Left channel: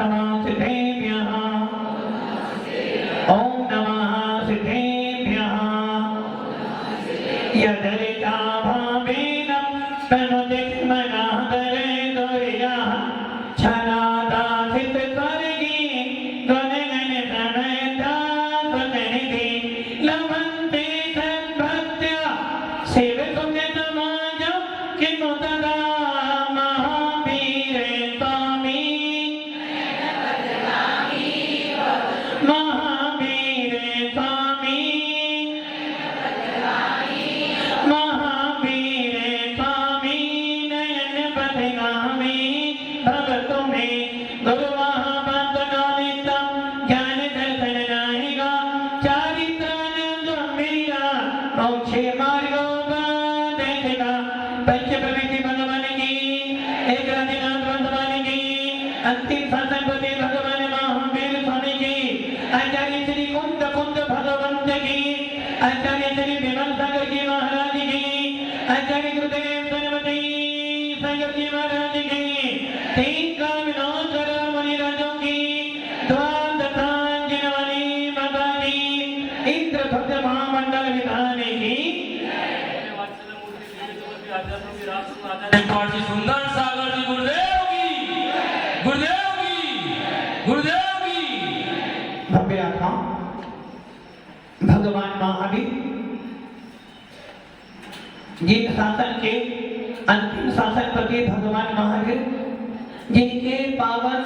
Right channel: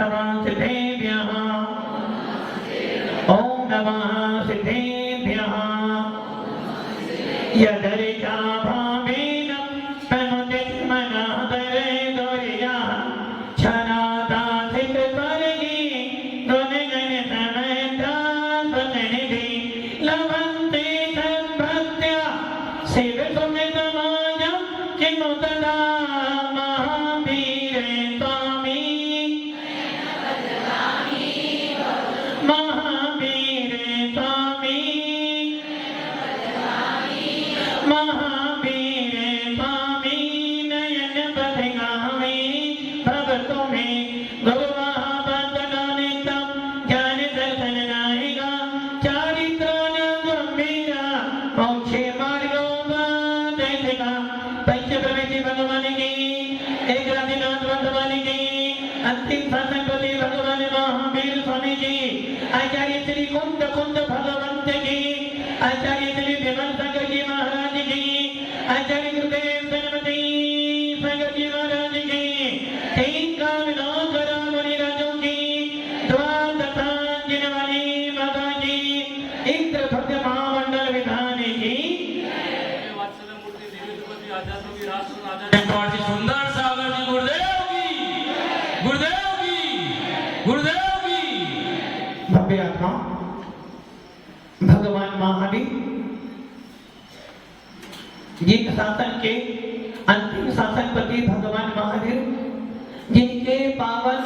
नमः सिद्धेभ्यः ओम नमः सिद्धेभ्यः यदरिता भावेन तमुदिक्मनहदरे दोर्यः छनादासित स्वर्गी गुणगण प्रणयता स्वनिधि लभन्ते सद्भक्त्या सेवतुल्यतमाजं किमु तदा महावीरे स्वामी महावीरे स्वामी महावीरे स्वामी नयन बदगामी भगतो में गुरुवाह बदगानितम ज्ञान दर्शन नाहिका चारित्रान गंभीरा मोक्षे मार्गो बदेशिका पंच प्रकृति भगवान की एक राधिकांत भगवान की अंतिम शासन पति भगवान महावीर स्वामी की आचार्य श्री कुंद कुंद भगवंत की आचार्य श्री विमल सागर जी महाराज की आचार्य गुरुदेव गणपति सागर जी महाराज की तीन कामिनों करोड़ मुनि राजों की द्वादशांजन वाली माता की इंद्र भक्त महामंडल विधान की सुंदर सागर जी गुरुदेव की भव्य आत्मा भगवान महावीर जिन शासन के अंतिम शासनपति भगवान महावीर जिनके पावन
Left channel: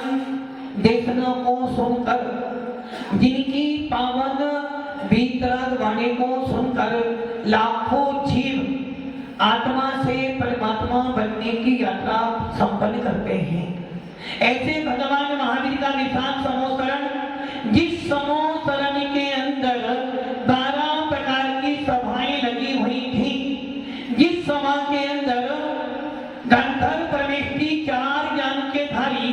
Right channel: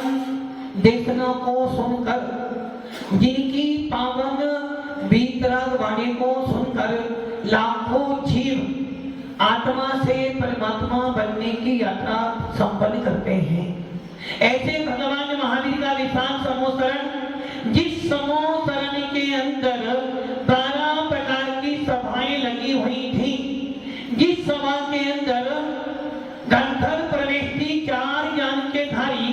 देशना को सुनकर जिनकी पावन वीतराग वाणी को सुनकर लाखों जीव आत्मा से परमात्मा बनने की यात्रा संपन्न करते हैं। ऐसे भगवान महावीर का विशाल समोसरण जिस समोसरण के अंदर 12 प्रकार की सभाएं लगी हुई थी, जिस सभा के अंदर गंधर्व प्रवेशी 4 ज्ञान के धारी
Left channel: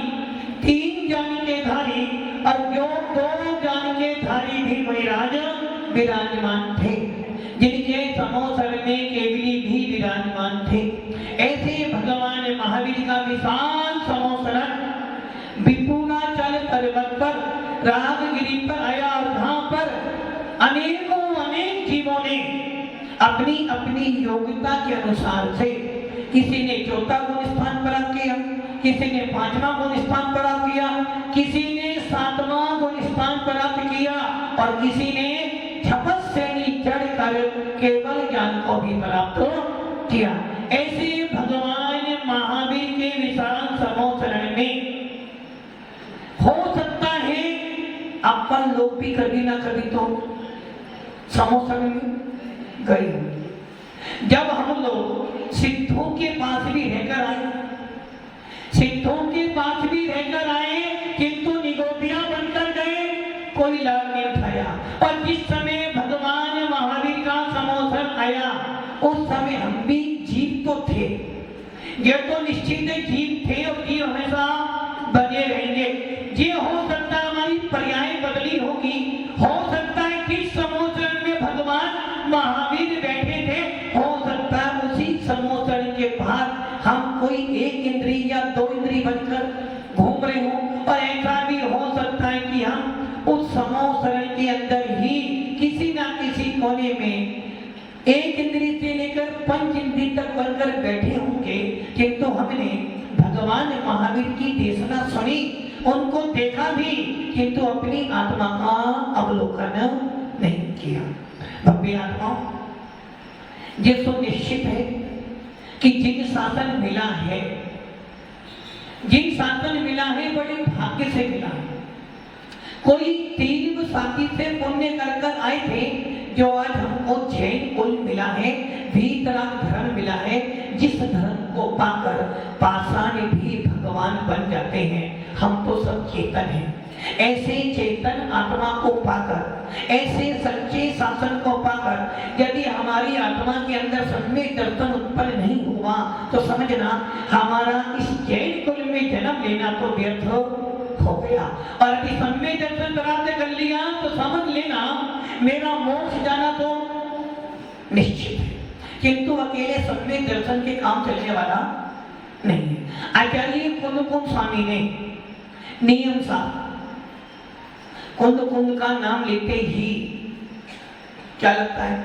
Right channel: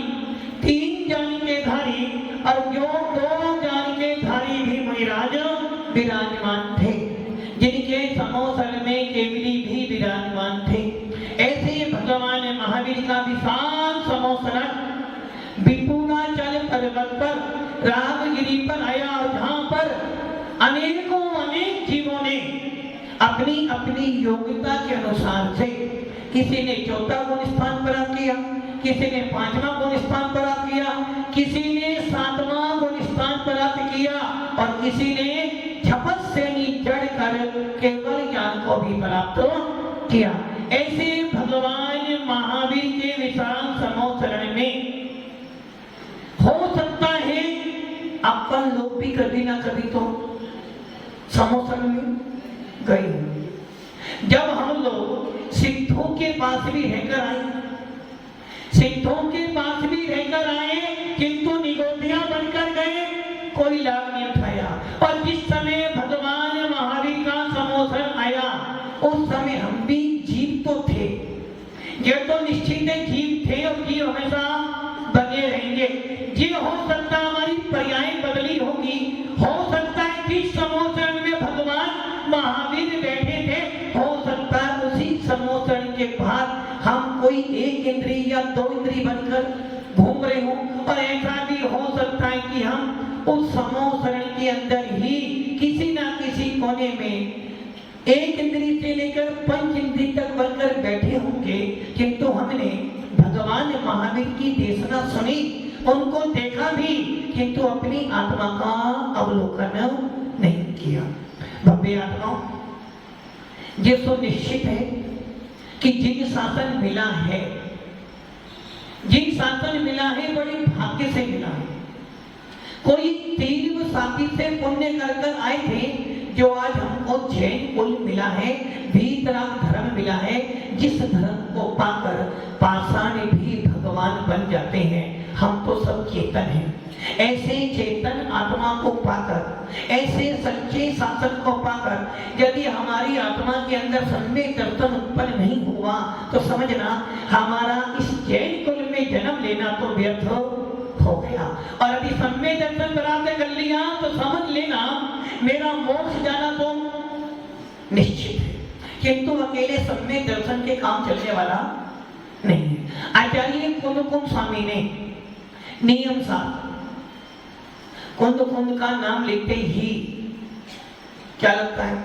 3 ज्ञान के धारी और जो 2 ज्ञान के धारी भी मुनिराज विराजमान थे, जिनके समोसरण में केवली भी विराजमान थे। ऐसे भगवान महावीर का विशाल समोसरण विपुलाचल पर्वत पर राजगिरी पर आया और जहां पर अनेकों अनेक जीवों ने अपनी अपनी योग्यता के अनुसार से किसी ने 4था गुण स्थान प्राप्त किया, किसी ने 5वां गुण स्थान प्राप्त किया, किसी ने 7वां गुण स्थान प्राप्त किया और किसी ने तपस्या चढ़कर केवल ज्ञान को भी प्राप्त किया। ऐसे भगवान महावीर के विशाल समोसरण में हो सकता है अपन लोग भी कभी ना कभी तो समोसरण में गए होंगे। जब हम लोग सिद्धों के पास भी रहकर आए, सिद्धों के पास भी रहकर आए किंतु निगोटिया बनकर गए, कोई लाभ नहीं उठाया। और जिस समय भगवान महावीर का समोसरण आया उस समय हम भी जीव तो थे, ये तो निश्चित है जीव थे और जीव हमेशा बने रहेंगे। ये हो सकता है हमारी पर्याय बदली होगी, हो सकता है कि समोसरण में भगवान महावीर बैठे थे, हो सकता है उसी समोसरण के बाहर हम कोई 1 इंद्री या 2 इंद्री बनकर घूम रहे हों, और ऐसा भी हो सकता है कि हम उस समोसरण के अंदर ही किसी ना किसी कोने में 1 इंद्री से लेकर 5 इंद्री तक बनकर बैठे होंगे, किंतु हमने भगवान महावीर की देशना सुनी, उनको देखा भी, किंतु अपनी आत्मा का अवलोकन नहीं किया। भव्य आत्मा ये तो निश्चित है कि जिन शासन मिला है, जिन शासन मिला है बड़े भाग्य से मिला है। कोई तीव्र साथी से पुण्य कर आए थे जो आज हमको जैन कुल मिला है, वीतराग धर्म मिला है, जिस धर्म को पाकर पाषाण भी भगवान बन जाते हैं। हम तो सब चेतन हैं, ऐसे चेतन आत्मा को पाकर, ऐसे सच्चे शासन को पाकर यदि हमारी आत्मा के अंदर सम्यक दर्शन उत्पन्न नहीं हुआ तो समझना हमारा इस जैन कुल में जन्म लेना तो व्यर्थ हो गया। और यदि सम्यक दर्शन प्राप्त कर लिया तो समझ लेना मेरा मोक्ष जाना तो निश्चित है, किंतु अकेले सम्यक दर्शन के काम चलने वाला नहीं है। आचार्य कुंद स्वामी ने नियम सा कुंद कुंद का नाम लेते ही क्या लगता है?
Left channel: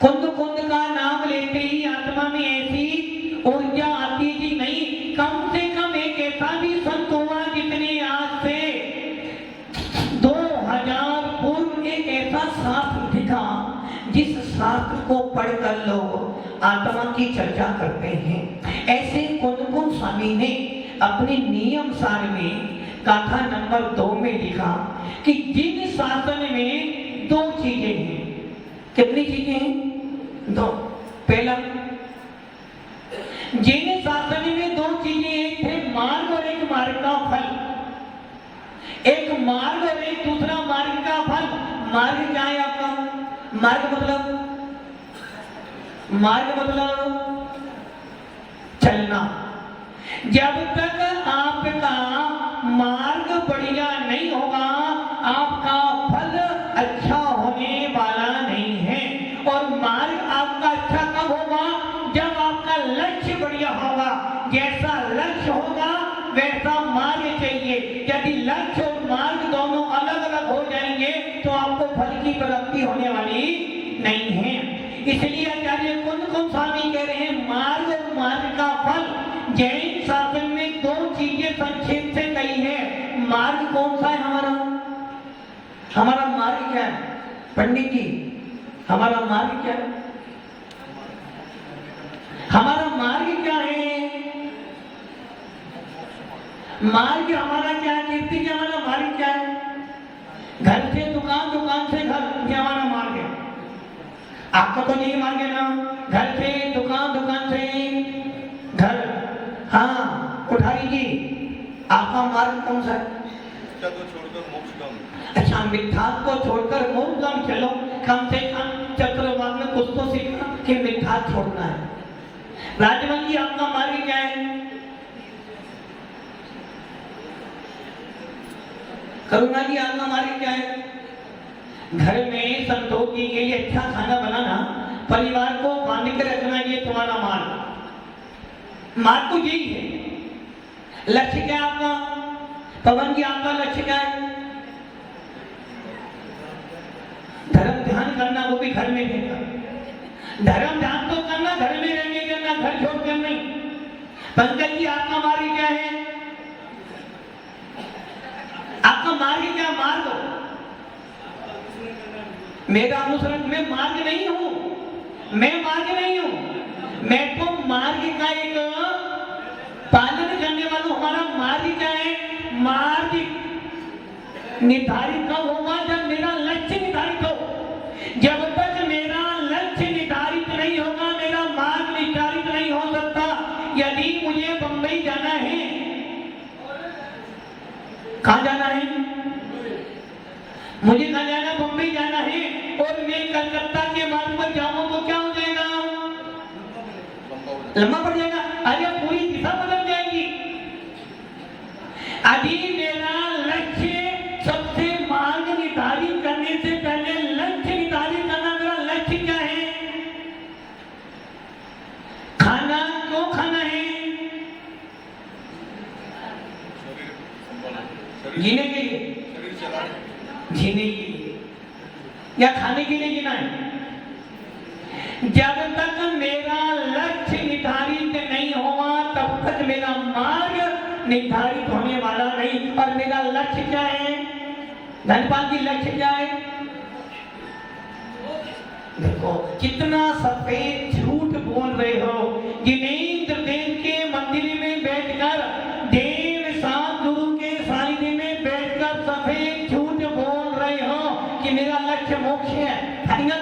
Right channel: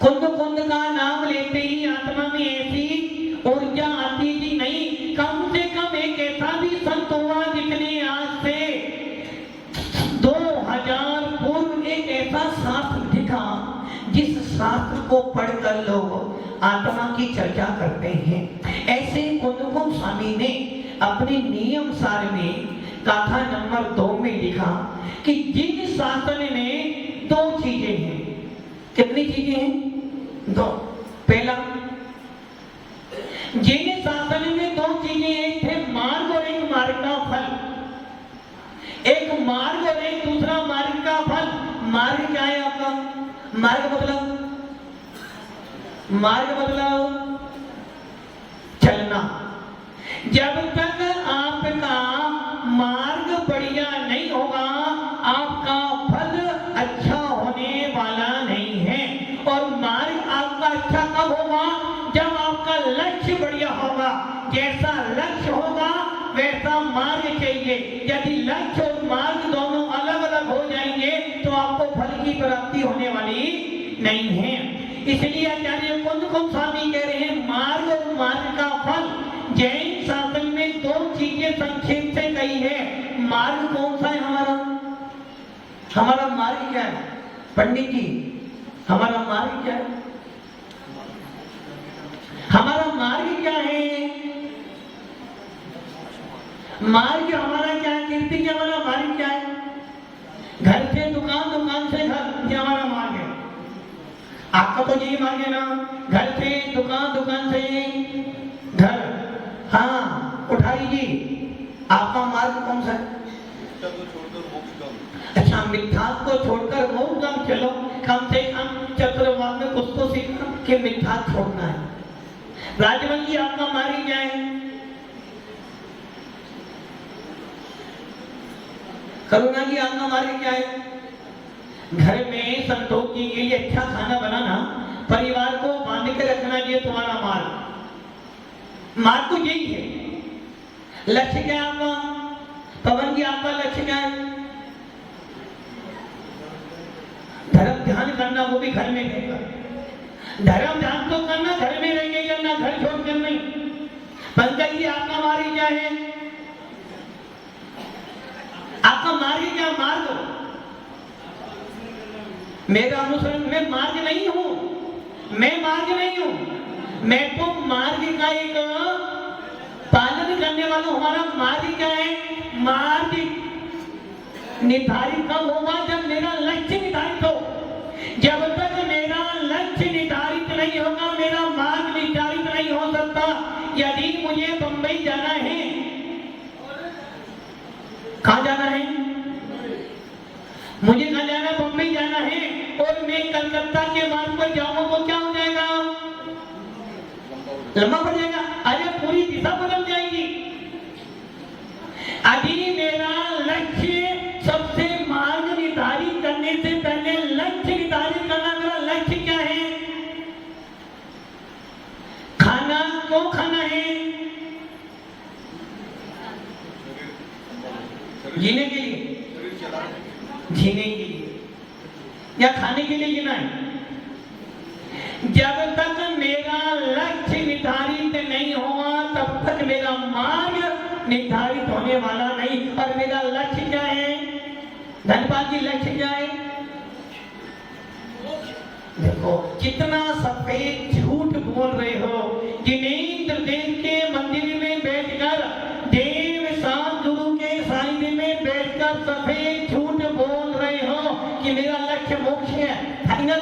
कुंद कुंद का नाम लेते ही आत्मा में ऐसी ऊर्जा आती जी नहीं। कम से कम एक ऐसा भी संत हुआ जितने आज से 2000 पूर्व एक ऐसा शास्त्र दिखा जिस शास्त्र को पढ़कर लोग आत्मा की चर्चा करते हैं। ऐसे कुंद स्वामी ने अपने नियम सार में गाथा नंबर 2 में लिखा कि जिन शासन में 2 चीजें हैं। कितनी चीजें हैं? 2। पहला, जिन शासन में 2 चीजें, एक थे मार्ग और एक मार्ग का फल। एक मार्ग और एक दूसरा मार्ग का फल। मार्ग क्या है आपका? मार्ग मतलब चलना। जब तक आपका मार्ग बढ़िया नहीं होगा आपका फल अच्छा होने वाला नहीं है। और मार्ग आपका अच्छा कब होगा? जब आपका लक्ष्य बढ़िया होगा। जैसा लक्ष्य होगा वैसा मार्ग चाहिए। यदि लक्ष्य और मार्ग दोनों अलग अलग हो जाएंगे तो आपको फल की प्राप्ति होने वाली नहीं है। इसलिए आचार्य कुंद स्वामी कह रहे हैं मार्ग और मार्ग का फल। जैन शासन में 2 चीजें संक्षेप से कही है। मार्ग कौन सा है हमारा? हमारा मार्ग क्या है पंडित जी? हमारा मार्ग क्या है? हमारा मार्ग क्या है? मार्ग हमारा क्या है? कीर्ति जी हमारा मार्ग क्या है? घर से दुकान, दुकान से घर, ये हमारा मार्ग है। आपका तो यही मार्ग है ना? घर से दुकान, दुकान से घर। हाँ कोठारी जी, आपका मार्ग कौन सा है? अच्छा, मिथ्या को छोड़कर मोक्षधाम चलो। कम से कम चक्रवात में कुछ तो सीखना कि मिथ्या छोड़ना है। राजवन जी, आपका मार्ग क्या है? करुणा जी, आपका मार्ग क्या है? घर में संतोष के लिए अच्छा खाना बनाना, परिवार को बांध कर रखना, ये तुम्हारा मार्ग। मार्ग तो यही है। लक्ष्य क्या है आपका? पवन जी, आपका लक्ष्य क्या है? धर्म ध्यान करना, वो भी घर में रहकर। धर्म ध्यान तो करना घर में रहेंगे करना, घर छोड़कर नहीं। पंकज जी, आपका मार्ग क्या है? आपका मार्ग क्या? मार्ग मेरा अनुसरण, मैं मार्ग नहीं हूं। मैं मार्ग नहीं हूं, मैं तो मार्ग का एक पालन करने वाला हूं। हमारा मार्ग क्या है? मार्ग निर्धारित कब होगा? जब मेरा लक्ष्य निर्धारित हो। जब तक मेरा लक्ष्य निर्धारित नहीं होगा मेरा मार्ग निर्धारित नहीं हो सकता। यदि मुझे बंबई जाना है, कहां जाना है? मुझे कहां जाना? बंबई जाना है। और मैं कलकत्ता के मार्ग पर जाऊं तो क्या हो जाएगा? लंबा पड़ जाएगा। अरे पूरी दिशा बदल जाएगी। अभी मेरा लक्ष्य, सबसे मार्ग निर्धारित करने से पहले लक्ष्य निर्धारित करना। मेरा लक्ष्य क्या है? खाना क्यों खाना है? जीने के लिए, जीने के लिए या खाने के लिए जीना है। जब तक मेरा लक्ष्य निर्धारित नहीं हुआ तब तक मेरा मार्ग निर्धारित होने वाला नहीं। और मेरा लक्ष्य क्या है? धनपाल जी, लक्ष्य क्या है? देखो कितना सफेद झूठ बोल रहे हो। जिनेंद्र देव के मंदिर में बैठकर, देव सात गुरु के सानिध्य में बैठकर सफेद झूठ बोल रहे हो कि मेरा लक्ष्य मोक्ष है। फाइनल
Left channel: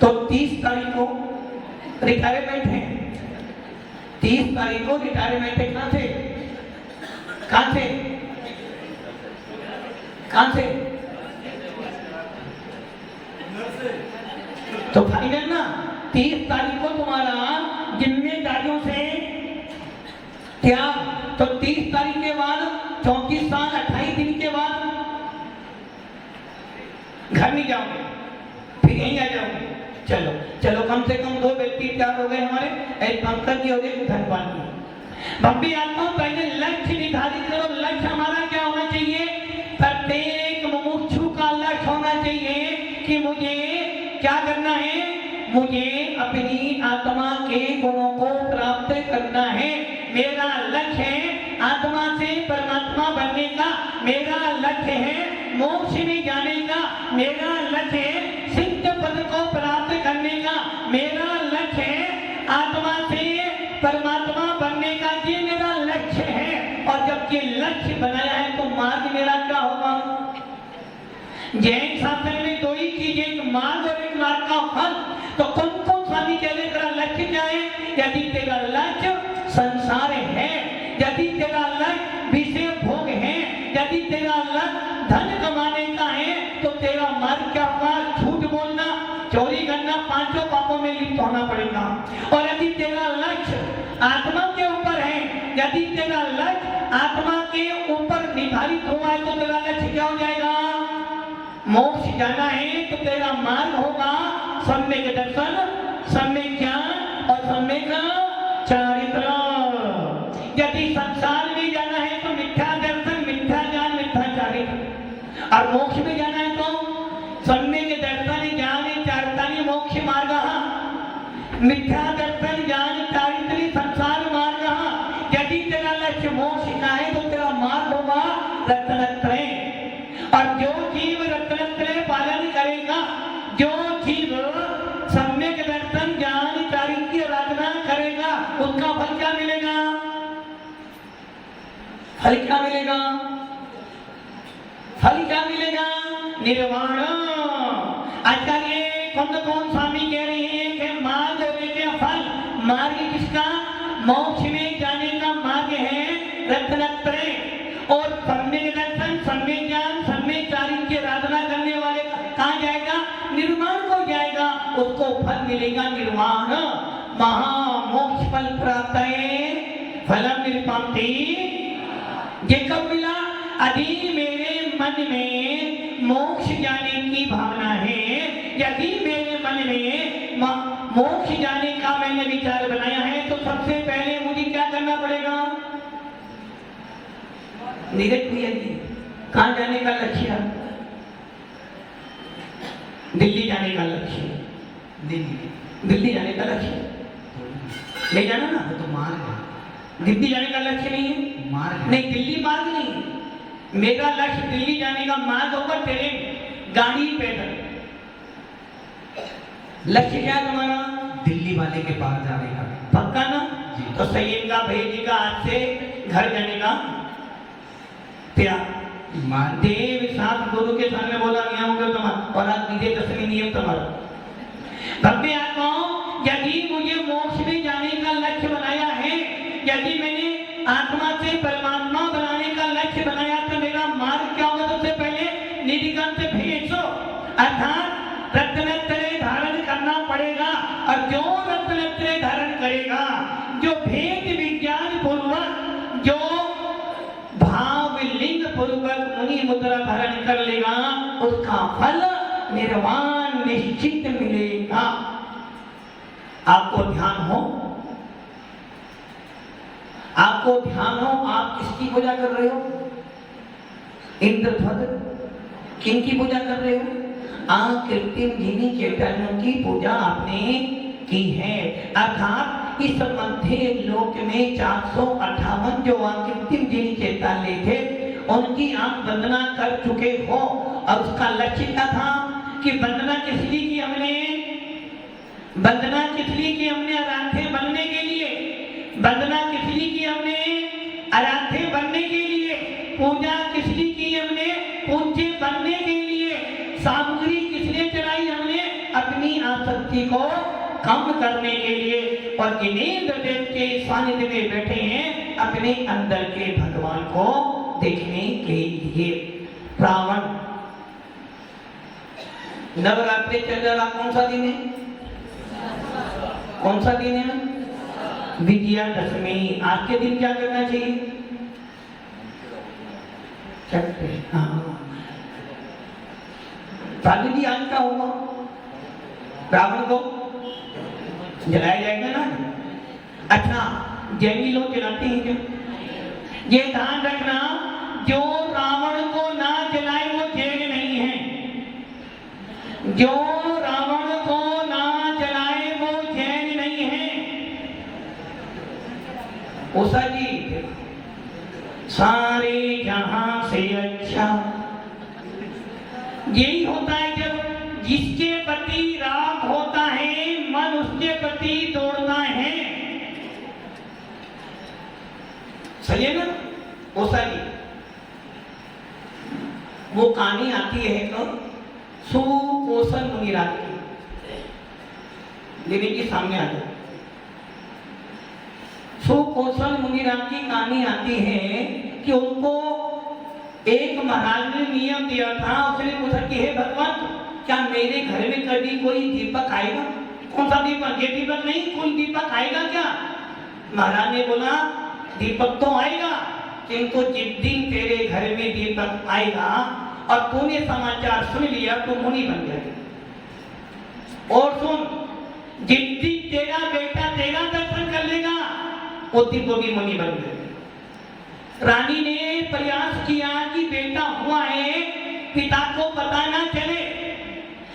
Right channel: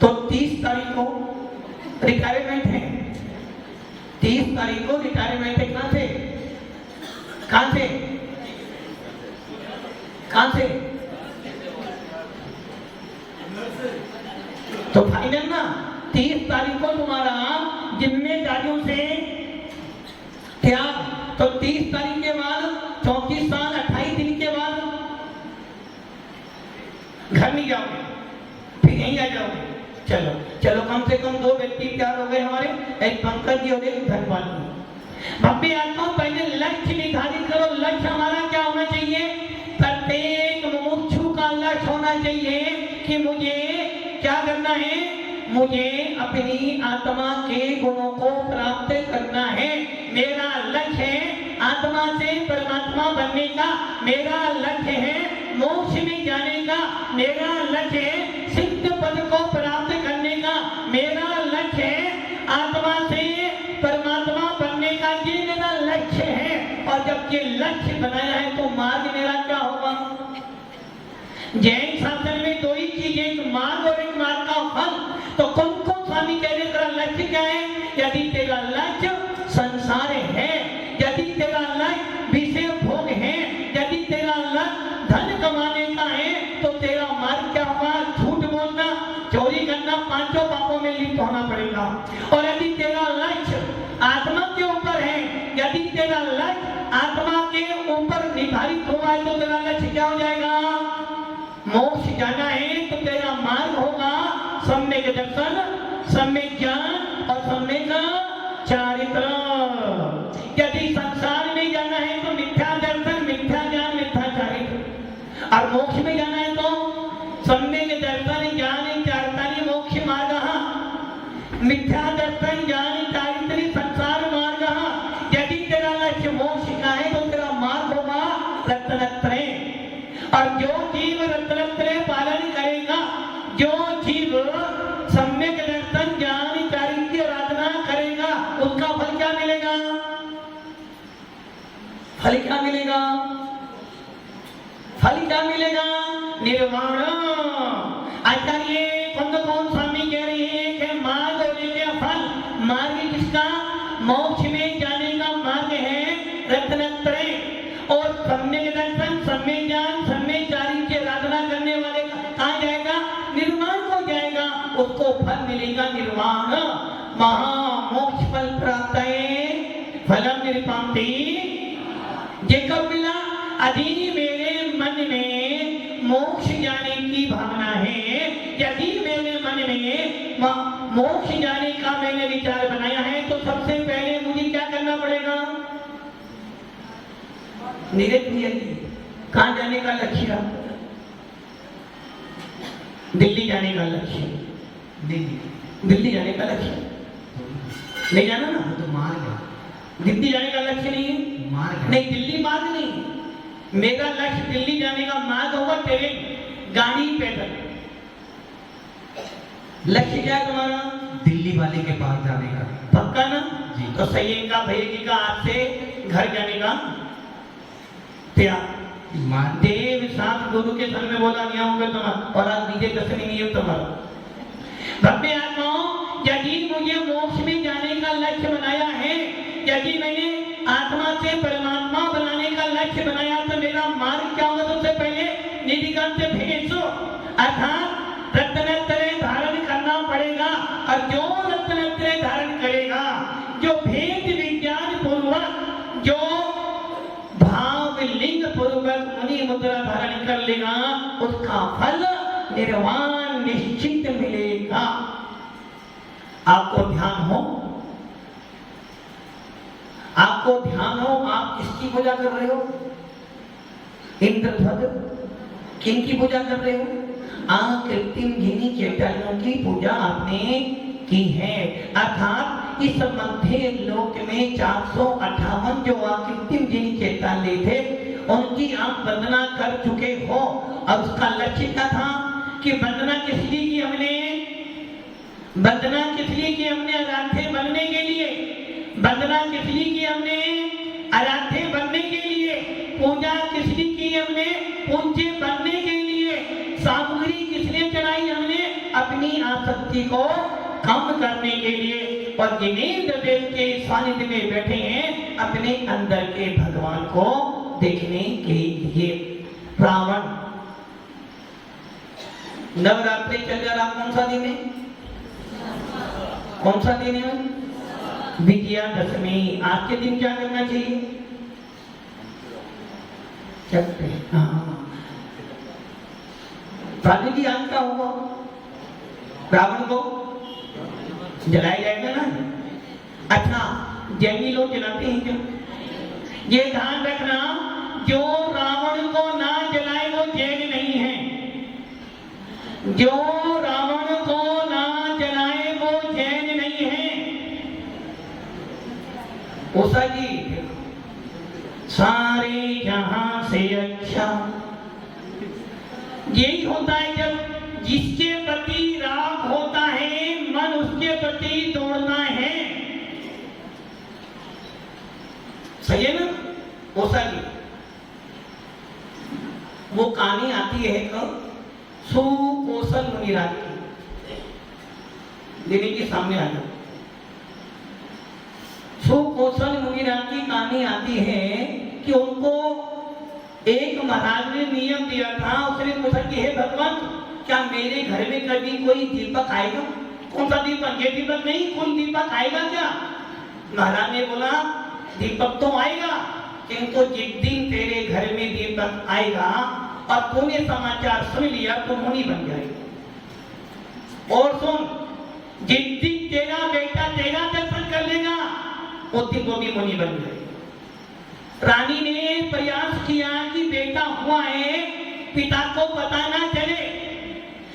तो 30 तारीख को रिटायरमेंट है। 30 तारीख को रिटायरमेंट है। कहां से? कहां से? कहां से? तो फाइनल ना 30 तारीख को तुम्हारा जिम्मेदारियों से त्याग। तो 30 तारीख के बाद 34 साल 28 दिन के बाद घर नहीं जाओगे, फिर यहीं आ जाओगे। चलो चलो, कम से कम 2 व्यक्ति तैयार हो गए हमारे, एक पंकज जी हो गए, धन्यवाद। भव्य आत्मा, पहले लक्ष्य निर्धारित करो। और जब ये लक्ष्य बनाया है तो मार्ग मेरा क्या होगा? जैन शास्त्र में दो ही चीजें, एक मार्ग और एक मार्ग का फल। तो कौन कौन स्वामी कह रहे तेरा लक्ष्य क्या है? यदि तेरा लक्ष्य संसार है, यदि तेरा लक्ष्य विषय भोग है, यदि तेरा लक्ष्य धन कमाने का है, तो तेरा मार्ग क्या होगा? झूठ बोलना, चोरी करना, पांचों पापों में लिप्त होना पड़ेगा। और यदि तेरा लक्ष्य आत्मा के ऊपर है, यदि तेरा लक्ष्य आत्मा के ऊपर निर्धारित हुआ है, तो तेरा लक्ष्य क्या हो जाएगा? मोक्ष जाना है तो तेरा मार्ग होगा सम्यक दर्शन, सम्यक ज्ञान और सम्यक चारित्र। यदि संसार में जाना है तो मिथ्या दर्शन, मिथ्या ज्ञान, मिथ्या चारित्र। और मोक्ष में जाना है तो सम्यक दर्शन, ज्ञान, चारित्राणि मोक्ष मार्ग। मिथ्या दर्शन, ज्ञान, चारित्र संसार मार्ग। यदि तेरा लक्ष्य मोक्ष का है तो तेरा मार्ग होगा रत्नत्रय। और जो जीव रत्नत्रय पालन करेगा, जो जीव सम्यक दर्शन, ज्ञान, चारित्र की आराधना करेगा, उसका फल क्या मिलेगा? फल क्या मिलेगा? फल क्या मिलेगा? निर्वाण। आचार्य कौन स्वामी कह रहे हैं कि मार्ग और एक है फल। मार्ग किसका? मोक्ष में जाने का मार्ग है रत्नत्रय। और सम्यक दर्शन, सम्यक ज्ञान, सम्यक चारित्र की आराधना करने वाले कहाँ जाएगा? निर्वाण को जाएगा, उसको फल मिलेगा निर्वाण। महामोक्ष फल प्राप्त है फलम निरूपन्ति। ये कब मिला? यदि मेरे मन में मोक्ष जाने की भावना है, यदि मेरे मन में मोक्ष जाने का मैंने विचार बनाया है, तो सबसे पहले मुझे क्या करना पड़ेगा? नीरज भैया जी, कहाँ जाने का लक्ष्य है? दिल्ली जाने का लक्ष्य। दिल्ली जाने का लक्ष्य नहीं जाना ना, तो मार्ग है। दिल्ली जाने का लक्ष्य नहीं है। मार्ग नहीं, दिल्ली मार्ग नहीं। मेरा लक्ष्य दिल्ली जाने का मार्ग होगा तेरे गाड़ी पैदल। लक्ष्य क्या है तुम्हारा? दिल्ली वाले के पास जाने का। पक्का ना? जी। तो सही है का भैया जी का आज से घर जाने का तेरा मार्ग देव साथ गुरु के सामने बोला गया होगा तुम्हारा, और आज विजय दशमी नहीं है तुम्हारा। भव्य आत्माओं, यदि मुझे मोक्ष में जाने का लक्ष्य बनाया है, यदि मैंने आत्मा से परमात्मा बनाने का लक्ष्य बनाया, तो मेरा मार्ग क्या होगा? सबसे पहले निधिकांत भेषो, अर्थात रत्नत्रय धारण करना पड़ेगा। और जो रत्नत्रय धारण करेगा, जो भेद विज्ञान पूर्वक, जो भाव लिंग पूर्वक मुनि मुद्रा धारण कर लेगा, उसका फल निर्वाण निश्चित मिलेगा। आपको ध्यान हो, आपको ध्यान हो, आप किसकी पूजा कर रहे हो? इंद्रध्वज। किनकी पूजा कर रहे हो? कृत्रिम जिनी चैतन्यों की पूजा आपने की है। अर्थात इस मध्य लोक में 458 जो कृत्रिम जिनी चैतन्य थे, उनकी आप वंदना कर चुके हो। और उसका लक्ष्य क्या था? कि वंदना किस लिए की हमने? वंदना किस लिए की हमने? आराध्य बनने के लिए। वंदना किस लिए की हमने? आराध्य बनने के लिए। पूजा किस लिए की हमने? पूज्य बनने के लिए। सामग्री किस लिए चढ़ाई हमने? अपनी आसक्ति को कम करने के लिए। और जिनेंद्र देव के सानिध्य में बैठे हैं, अपने अंदर के भगवान को देखने के लिए। रावण नवरात्रि चल रहा, कौन सा दिन है? कौन सा दिन है? विजयादशमी। आज के दिन क्या करना चाहिए? राजू जी, आज का होगा रावण को जलाया जाएगा ना? अच्छा, जैनी लोग जलाते हैं जो। ये ध्यान रखना, जो रावण को ना जलाए वो जैन नहीं है। जो रावण को ना जलाए वो जैन नहीं है। उषा जी, सारे जहां से अच्छा यही होता है जब जिसके प्रति राग होता है, मन उसके प्रति दौड़ता है। सही है ना? ओसा जी वो कहानी आती है एक सुकोसल मुनिराज की। देवी जी सामने आ जाओ। सुकोसल मुनिराज की कहानी आती है कि उनको एक महाराज ने नियम दिया था। उसने पूछा कि हे भगवान, क्या मेरे घर में कभी कोई दीपक आएगा? कौन सा दीपक? ये दीपक नहीं, कोई दीपक आएगा क्या? महाराज ने बोला दीपक तो आएगा, किंतु जिस दिन तेरे घर में दीपक आएगा और तूने समाचार सुन लिया तो मुनि बन जाएगा। और सुन, जिस दिन तेरा बेटा तेरा दर्शन कर लेगा उस दिन वो भी मुनि बन जाएगा। रानी ने प्रयास किया कि बेटा हुआ है, पिता को पता ना चले,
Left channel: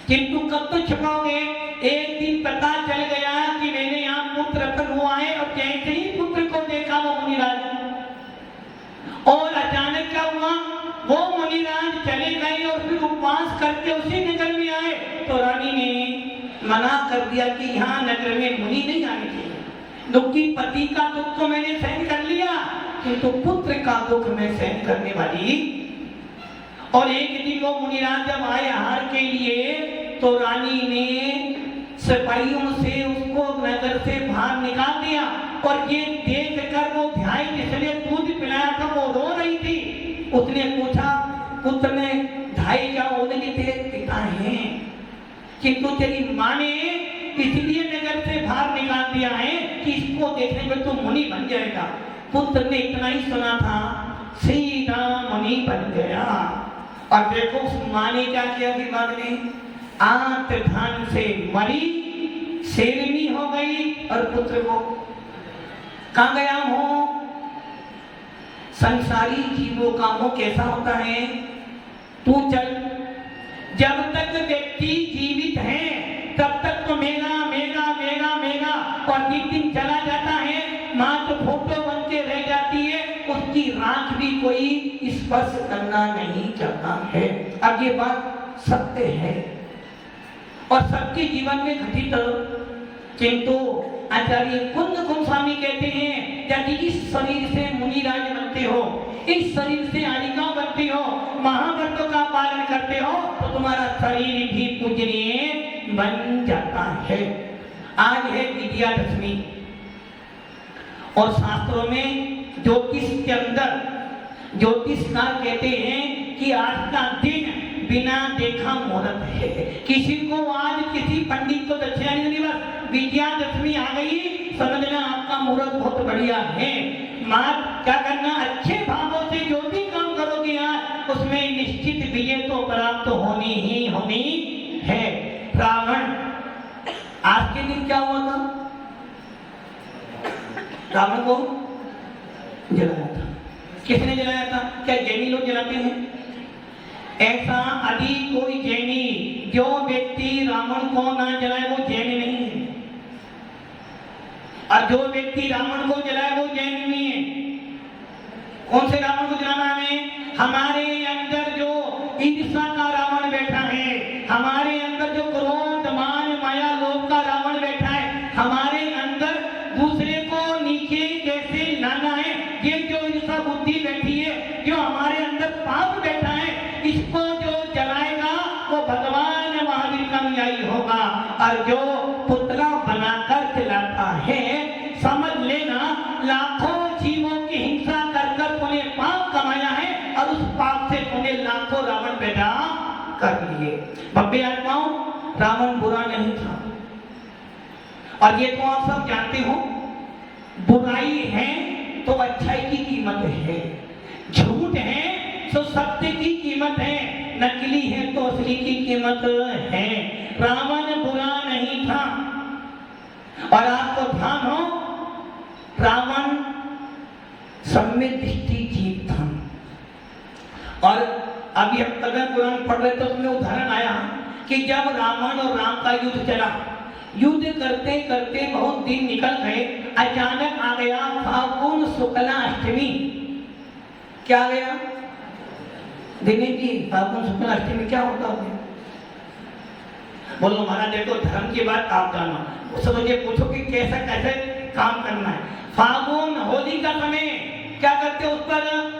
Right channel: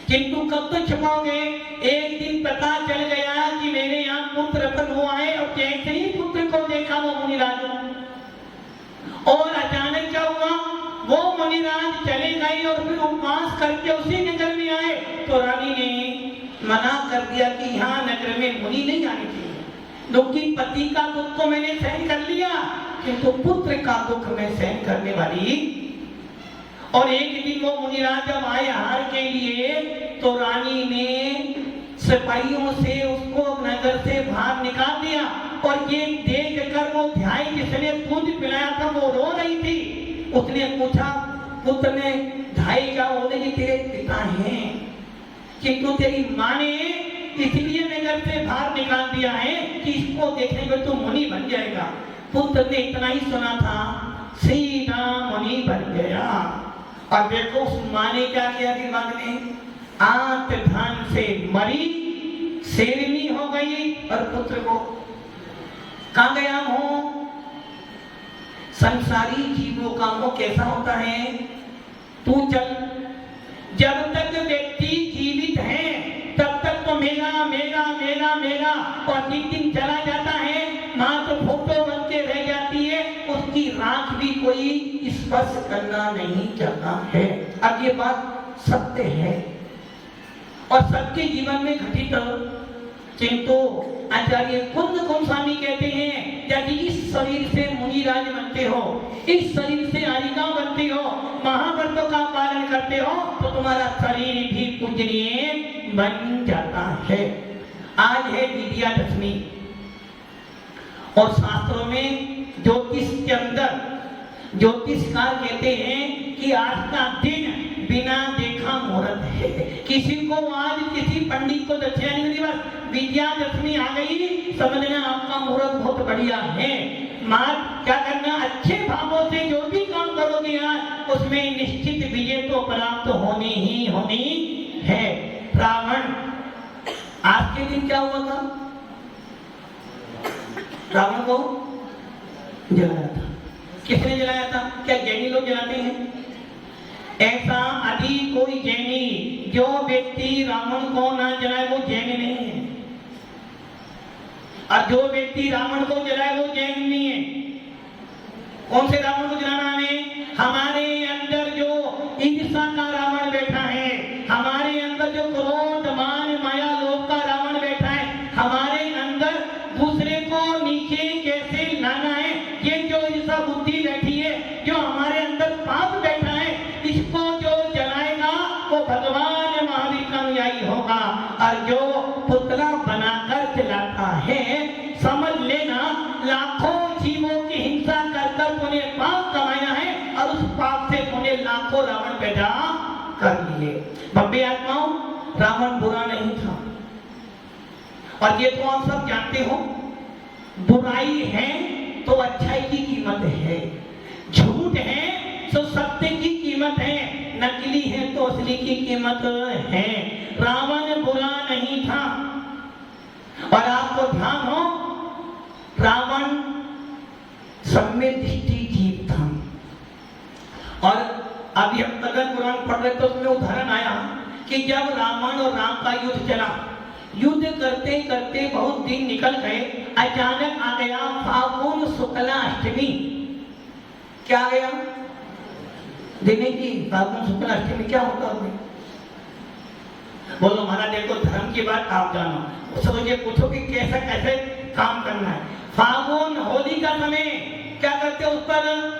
किंतु कब तो छुपाओगे? एक दिन पता चल गया कि मेरे यहाँ पुत्र रतन हुआ है और जैसे ही पुत्र को देखा वो मुनिराज, और अचानक क्या हुआ, वो मुनिराज चले गए और फिर उपवास करके उसी नगर में आए। तो रानी ने मना कर दिया कि यहाँ नगर में मुनि नहीं आने चाहिए। दुखी पति का दुख तो मैंने सहन कर लिया, किंतु पुत्र का दुख मैं सहन करने वाली। और एक दिन वो मुनिराज जब आए हार के लिए तो रानी ने सिपाहियों से उसको नगर से बाहर निकाल दिया। और ये देख कर वो ध्याई जिसने दूध पिलाया था वो रो रही थी। उसने पूछा पुत्र ने, ढाई क्या बोले कि तेरे पिता हैं, किंतु तेरी माँ ने इसलिए नगर से बाहर निकाल दिया है कि इसको देखने में तो मुनि बन जाएगा। पुत्र ने इतना ही सुना था, सीधा मुनि बन गया। और देखो उस माँ ने क्या किया दिमाग में, आंत धान से मरी, शेरनी हो गई और पुत्र को कहाँ गया मोह? संसारी जीवों का मोह कैसा होता है? तू चल, जब तक व्यक्ति जीवित है तब तक तो मेरा मेरा मेरा मेरा, और जिस दिन चला जाता है माँ तो फोटो बन के रह जाती है, उसकी राख भी कोई स्पर्श करना नहीं चाहता है। अब ये बात सत्य है और सबके जीवन में घटित, किंतु आचार्य कुंद गोस्वामी कहते हैं यदि इस शरीर से मुनिराज बनते हो, इस शरीर से आरिका बनते हो, महाव्रतों का पालन करते हो, तो तुम्हारा शरीर भी पूजनीय बन जाता है। आज है विजयादशमी और शास्त्रों में ज्योतिष के अंदर ज्योतिषकार कहते हैं कि आज का दिन बिना देखा मुहूर्त है। किसी को आज किसी पंडित को दक्षिणा नहीं मिली, बस विजयादशमी आ गई, समझना आपका मुहूर्त बहुत बढ़िया है। मां क्या करना, अच्छे भावों से जो भी काम करोगे आज उसमें निश्चित विजय तो प्राप्त होनी ही होनी है। रावण, आज के दिन क्या हुआ था? रावण को जलाया था। किसने जलाया था? क्या जैनी लोग जलाते हैं? ऐसा अभी कोई जैनी जो व्यक्ति रावण को ना जलाए वो जैन नहीं है, और जो व्यक्ति रावण को जलाए वो जैन नहीं है। कौन से रावण को जलाना है? हमारे अंदर जो ईर्ष्या का रावण बैठा है, हमारे अंदर जो क्रोध मान माया लोभ का रावण बैठा है, हमारे अंदर दूसरे को नीचे कैसे लाना है, ये जो ईर्ष्या बुद्धि बैठी है, जो हमारे अंदर पाप बैठा है, इसको जो जलाएगा वो भगवान महावीर का अनुयायी होगा। और जो पुतला बनाकर जलाता है, समझ लेना लाखों जीवों की हिंसा कर उन्हें पाप कमाया है और उस पाप से उन्हें लाखों रावण पैदा कर लिए। भव्य आत्माओं, रावण बुरा नहीं था, और ये तो आप सब जानते हो। बुराई है तो अच्छाई की कीमत है, झूठ है तो सत्य की कीमत है, नकली है तो असली की कीमत है। रावण बुरा नहीं था, और आपको ध्यान हो, रावण सम्यक दृष्टि जीव था। और अभी हम कदम पुराण पढ़ रहे तो उसमें उदाहरण आया कि जब रावण और राम का युद्ध चला, युद्ध करते करते बहुत दिन निकल गए, अचानक आ गया फाल्गुन शुक्ला अष्टमी। क्या आ गया? दिनेश जी, फाल्गुन शुक्ला अष्टमी क्या होता है? बोलो महाराज देखो, धर्म की बात आप जानो, उससे मुझे पूछो कि कैसा कैसे काम करना है। फाल्गुन होली का समय क्या करते, उस पर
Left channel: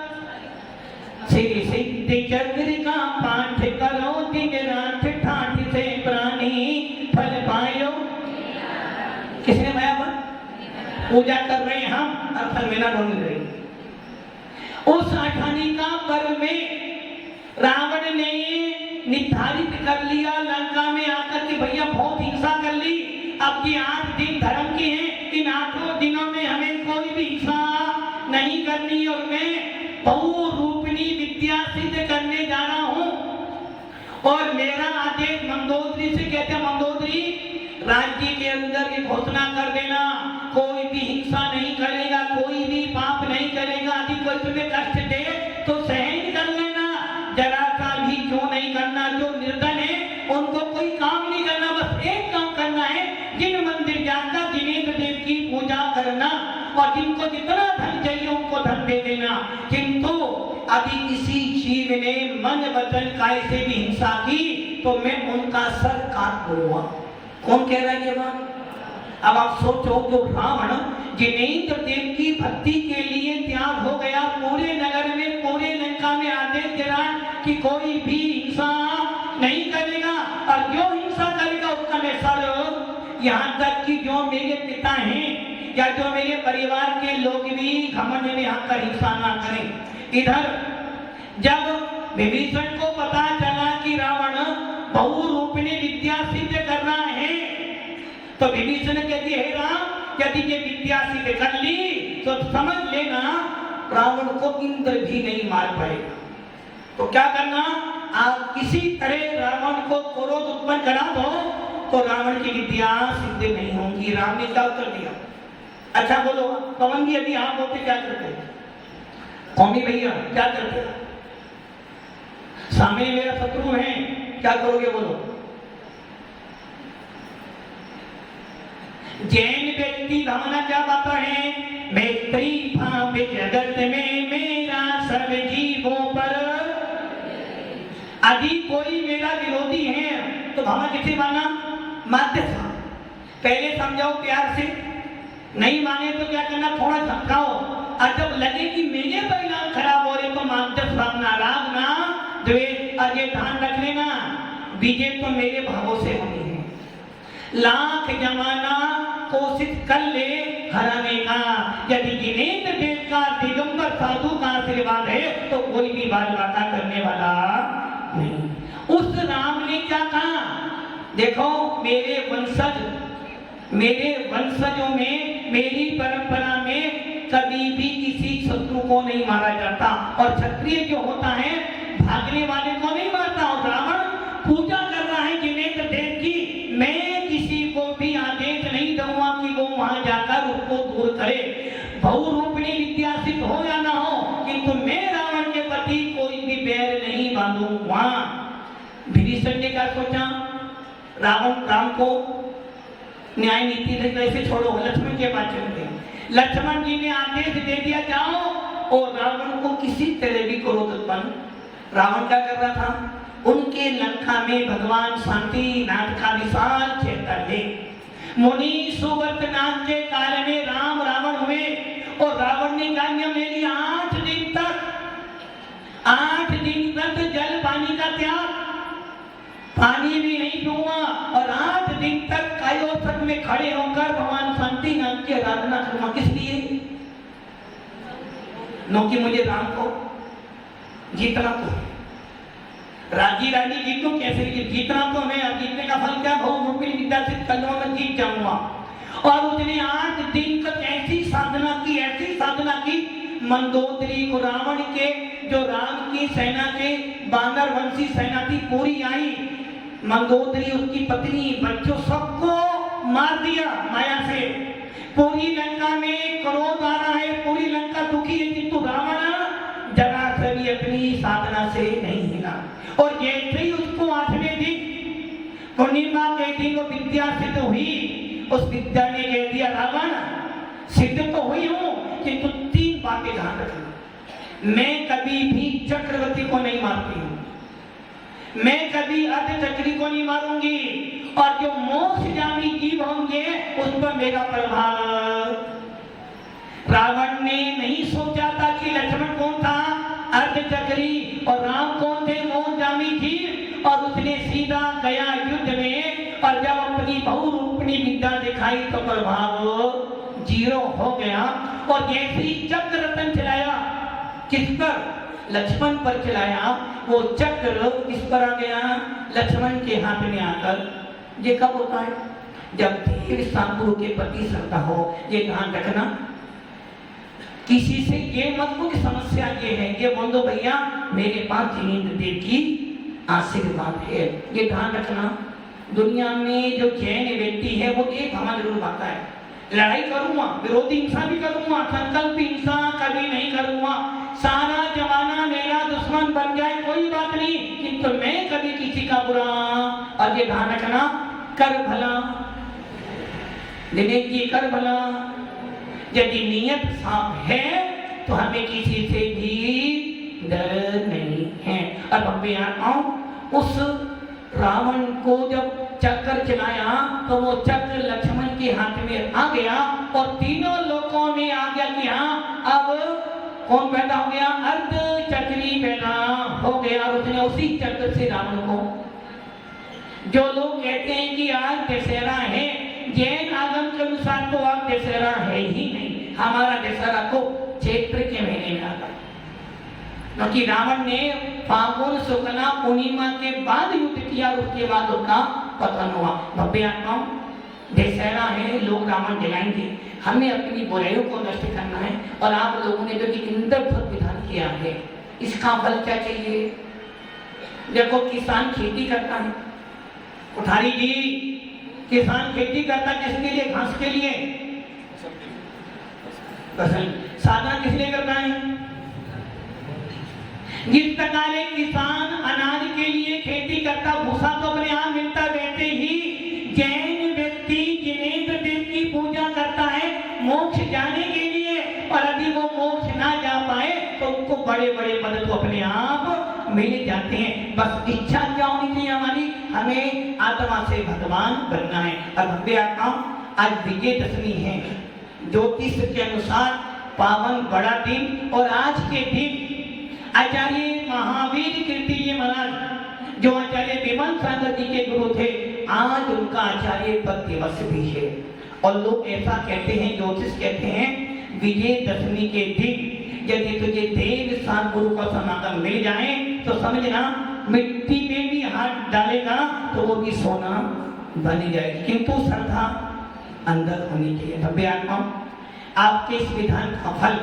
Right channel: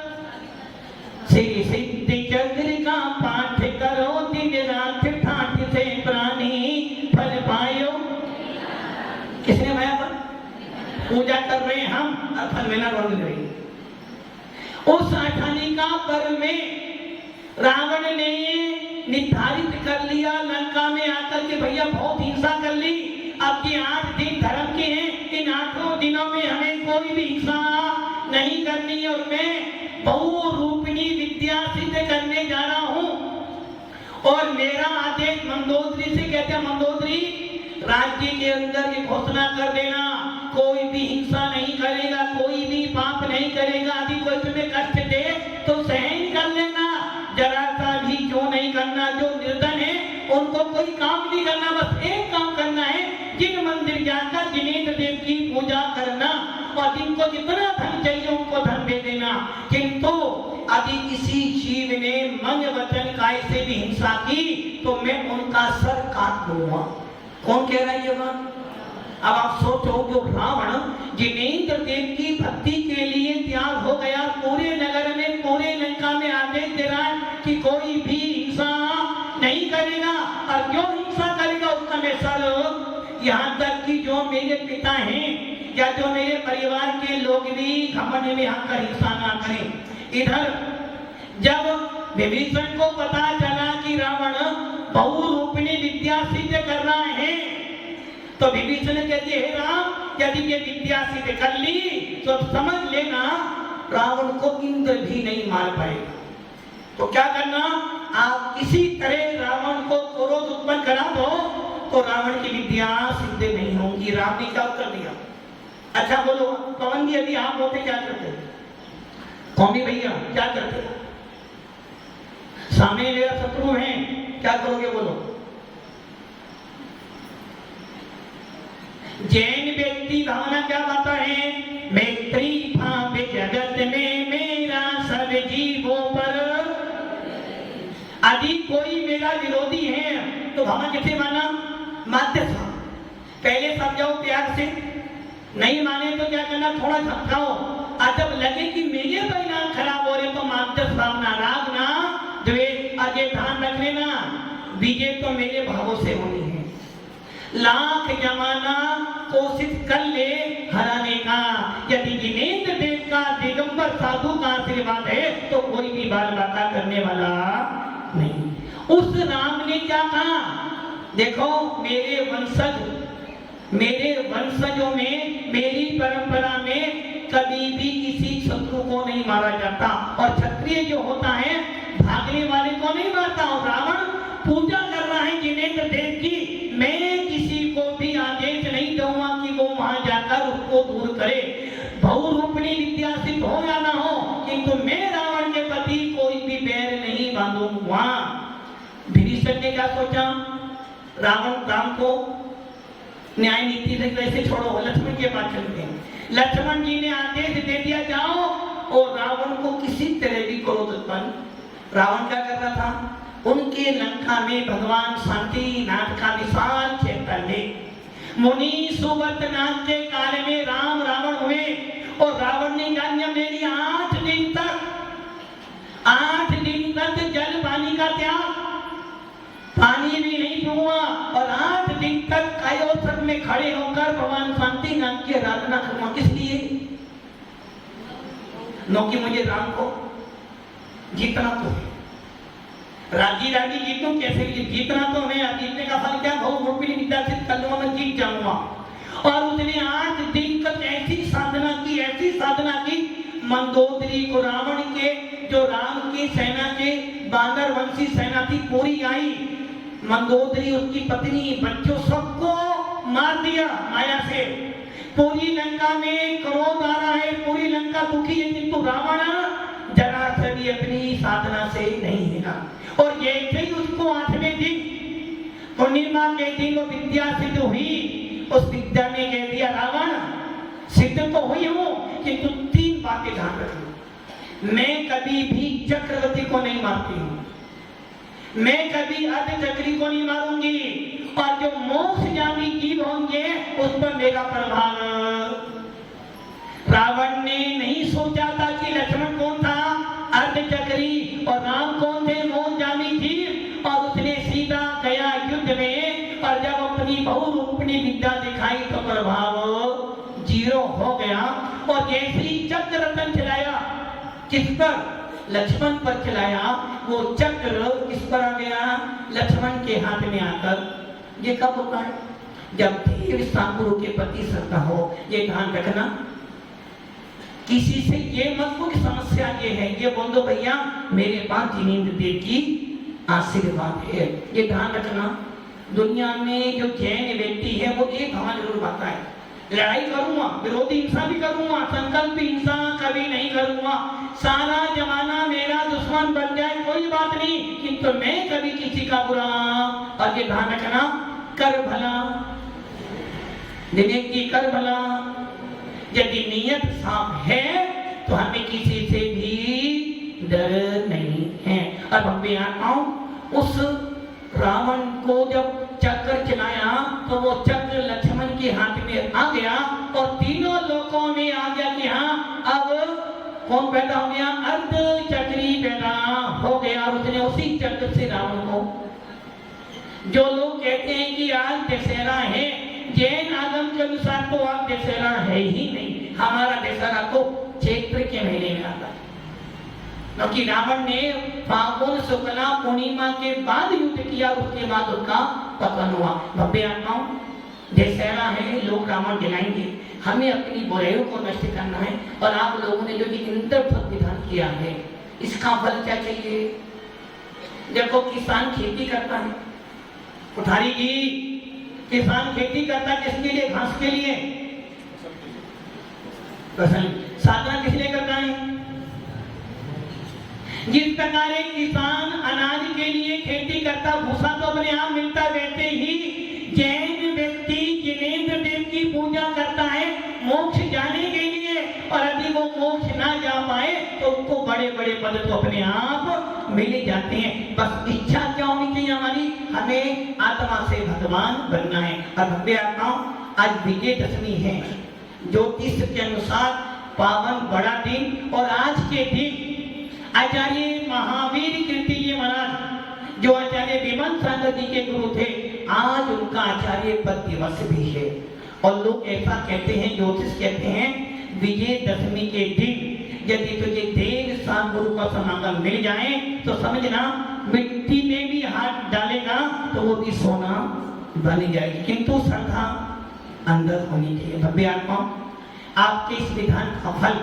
श्री सिद्धि चक्र का पाठ करो, दिन रात ठाठ से प्राणी फल पायो। किसने माया पर पूजा कर रहे हैं हम और फल मिलना ढूंढ रहे हैं। उस अठानिका पर्व में रावण ने निर्धारित कर लिया लंका में आकर के भैया बहुत हिंसा कर ली, अब ये 8 दिन धर्म के हैं, इन 8 दिनों में हमें कोई भी हिंसा नहीं करनी और मैं बहुरूपिणी विद्या सिद्ध करने जा रहा हूं। और मेरा आदेश मंदोदरी से कहते हैं, मंदोदरी राज्य के अंदर ये घोषणा कर देना, कोई भी हिंसा नहीं करेगा, कोई भी पाप नहीं करेगा, यदि कोई तुम्हें कष्ट दे तो सहन कर लेना, जरा सा भी क्यों नहीं करना। जो निर्धन है उनको कोई काम नहीं करना, बस एक काम करना है, जिन मंदिर जाकर जिनेन्द्र देव की पूजा करना और जिनको जितना धन चाहिए उनको धन दे देना। किंतु यदि किसी जीव ने मन वचन काय से भी हिंसा की तो मैं उनका सर काट दूंगा। कौन कह रहा है ये बात? अब आप सोचो, जो रावण जिनेन्द्र देव की भक्ति के लिए त्याग हो गया, पूरे नगर में पूरे लंका में आदेश दे रहा कि कोई भी हिंसा नहीं करेगा और जो हिंसा करेगा उसका मैं सर, यहाँ तक कि जो मेरे पिता हैं या जो मेरे परिवार के लोग भी घमंड में आकर हिंसा ना करें। इधर जब विभीषण को पता चला कि रावण बहुरूपिणी विद्या सिद्ध कर रहा है तो विभीषण कहती है, राम यदि ये विद्या सिद्ध कर ली तो समझ लेना रावण को इंद्र भी नहीं मार पाएगा। तो क्या करना, आप किसी तरह रावण को क्रोध उत्पन्न करा दो तो रावण की विद्या सिद्ध नहीं होंगी। राम ने क्या उत्तर दिया? अच्छा बोलो पवन जी, यदि आप होते क्या करते? कौमी भैया क्या करते? सामने मेरा शत्रु है, क्या करोगे बोलो? जैन व्यक्ति भावना क्या बात है, मैत्री भाव जगत में मेरा सब जीवों पर। यदि कोई मेरा विरोधी है तो भावना किसे माना? माध्य था। पहले समझाओ प्यार से, नहीं माने तो क्या करना, थोड़ा धमकाओ, और जब लगे कि मेरे परिणाम खराब हो रहे तो माध्य सामना, राग ना द्वेष। अजय ध्यान रख लेना, विजय तो मेरे भावों से होनी है। लाख जमाना कोशिश कर ले हराने का, यदि जिनेन्द्र देव का दिगंबर साधु का आशीर्वाद है तो कोई भी बाल बाका करने वाला नहीं। उस राम ने क्या कहा, देखो मेरे वंशजों में, मेरी परंपरा में कभी भी किसी शत्रु को नहीं मारा जाता और क्षत्रिय जो होता है भागने वाले को नहीं मारता। और रावण पूजा कर रहा है जिनेन्द्र देव की, मैं किसी को भी आदेश नहीं दूंगा कि वो वहां जाकर उसको दूर करे, बहुरूपिणी विद्या सिद्ध हो या ना हो, किंतु मैं रावण के प्रति कोई भी बैर नहीं बांधूंगा। विभीषण ने क्या सोचा, राम को न्याय नीति से कैसे छोड़ो, लक्ष्मण के पास चलते हैं। लक्ष्मण जी ने आदेश दे दिया जाओ, और रावण को किसी तरह भी क्रोध उत्पन्न। रावण क्या कर रहा था, उनके लंका में भगवान शांतिनाथ का विशाल चैतन्य, मुनि सुव्रत नाथ के काल में राम रावण हुए और रावण ने नियम ले लिया 8 दिन तक जल पानी का त्याग, पानी भी नहीं पीऊंगा और 8 दिन तक कायोत्सव में खड़े होकर भगवान शांतिनाथ की आराधना करूंगा। किस लिए? क्योंकि मुझे राम को जीतना तो है, राजी जीतू कैसे जीतना तो है, जीतने का फल क्या, बहुरूपिणी विद्या सिद्ध कर लूंगा, मैं जीत जाऊंगा। और उसने 8 दिन तक ऐसी साधना की मंदोदरी को, रावण के जो राम की सेना के बानर वंशी सेना थी पूरी आई, मंदोदरी उसकी पत्नी बच्चों सबको मार दिया माया से। पूरी लंका में क्रोध आ रहा है, पूरी लंका दुखी है, किंतु रावण जरा से भी अपनी साधना से नहीं हिला। और जैसे ही उसको 8वें दिन पूर्णिमा के दिन वो विद्या सिद्ध हुई, उस विद्या ने कह दिया, रावण सिद्ध तो हुई हूं किंतु 3 बातें ध्यान रखना, मैं कभी भी चक्रवर्ती को नहीं मारती हूं, मैं कभी अर्धचक्री को नहीं मारूंगी, और जो मोक्षगामी जीव होंगे उस पर मेरा प्रभाव। रावण ने नहीं सोचा था कि लक्ष्मण कौन था, अर्धचक्री विद्या दिखाई तो प्रभाव जीरो हो गया। और जैसे ही चक्र रतन चलाया, किस पर? लक्ष्मण पर चलाया। वो चक्र किस पर आ गया? लक्ष्मण के हाथ में आकर। ये कब होता है? जब देव सतगुरु के प्रति श्रद्धा हो। ये ध्यान रखना, किसी से ये मत को कि समस्या ये है, ये बोल दो भैया मेरे पास जिनेंद्र देव की आशीर्वाद है। ये ध्यान रखना, दुनिया में जो जैन व्यक्ति है वो एक हमारा जरूर बात है, लड़ाई करूंगा, विरोधी हिंसा भी करूंगा, संकल्प हिंसा कभी नहीं करूंगा, सारा जमाना मेरा दुश्मन बन जाए कोई बात नहीं, किंतु मैं कभी किसी का बुरा। और ये ध्यान रखना, कर भला दिनेश जी, कर भला। यदि नीयत साफ है तो हमें किसी से भी डर नहीं है। अब हम भी आता हूं, उस रावण को जब चक्कर चलाया तो वो चक्र लक्ष्मण के हाथ में आ गया और तीनों लोकों में आ गया कि हाँ अब कौन पैदा हो गया? अर्ध चक्री पैदा हो गया। उसने उसी चक्र से रावण को, जो लोग कहते हैं कि आज दशहरा है, जैन आगम के अनुसार तो आज दशहरा है ही नहीं। हमारा दशहरा तो चैत्र के महीने में आता है, क्योंकि रावण ने फागुन शुक्ला पूर्णिमा के बाद युद्ध किया, उसके बाद उसका पतन हुआ। भव्य आत्माओं, दशहरा है, लोग रावण जलाएंगे, हमें अपनी बुराइयों को नष्ट करना है। और आप लोगों ने जो कि इंद्रधनुष विधान किया है, इसका फल क्या चाहिए? देखो, किसान खेती करता है, कोठारी जी, किसान खेती करता है किसके लिए? घास के लिए। साधना किस लिए करता है? जिस प्रकार एक किसान अनाज के लिए खेती करता, भूसा तो अपने आप मिलता, वैसे ही जैन व्यक्ति जिनेंद्र देव की पूजा करता है मोक्ष जाने के लिए। और यदि वो मोक्ष ना जा पाए तो उसको बड़े बड़े पद तो अपने आप मिल जाते हैं। बस इच्छा क्या होनी चाहिए हमारी? हमें आत्मा से भगवान बनना है। और भव्य आत्माओं, आज विजयदशमी है, ज्योतिष के अनुसार पावन बड़ा दिन। और आज के दिन आचार्य महावीर कीर्ति महाराज, जो आचार्य विमल सागर जी के गुरु थे, आज उनका आचार्य पद दिवस भी है। और लोग ऐसा कहते हैं, ज्योतिष कहते हैं, विजयदशमी के दिन यदि तुझे देव सतगुरु का समागम मिल जाए तो समझना मिट्टी में भी हाथ डालेगा तो वो भी सोना बन जाएगी, किंतु श्रद्धा अंदर होनी चाहिए। भव्य आत्माओं, आपके इस विधान का फल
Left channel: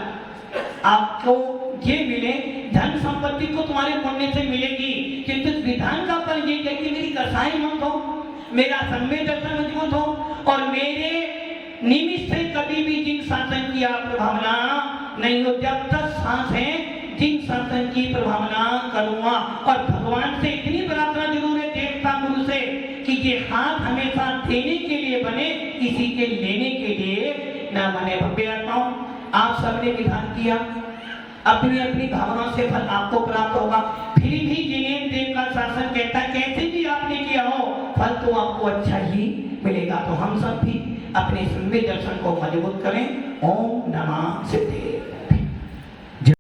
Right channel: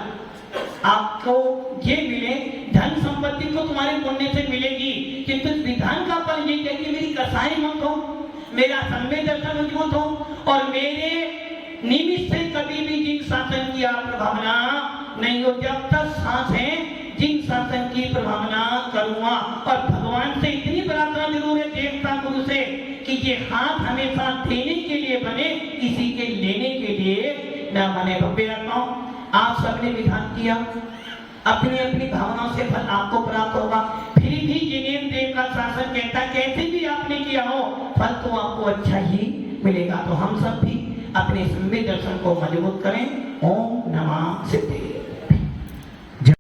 आपको ये मिले, धन संपत्ति को तुम्हारे पुण्य से मिलेगी, किंतु विधान का फल ये कि मेरी कसाई मत हो, मेरा सम्य दर्शन मजबूत हो और मेरे निमित्त से कभी भी जिन शासन की आप प्रभावना नहीं हो। जब तक सांस है जिन शासन की प्रभावना करूंगा। और भगवान से इतनी प्रार्थना जरूर है, देवता गुरु से, कि ये हाथ हमेशा देने के लिए बने, किसी के लेने के लिए ना बने। भव्य आत्माओं, आप सबने विधान किया, अपनी अपनी भावना से फल आपको प्राप्त होगा। फिर भी जिनेंद्र देव का शासन कहता, कैसे भी आपने किया हो फल तो आपको अच्छा ही मिलेगा। तो हम सब भी अपने सम्य दर्शन को मजबूत करें। ओम नमः सिद्धे।